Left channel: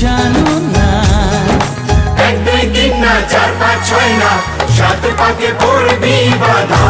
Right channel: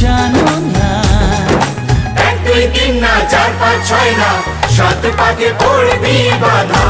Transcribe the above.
জানো না। 1 2 3 না 4 5 6 না 7 পাকে পড়বি বাধা।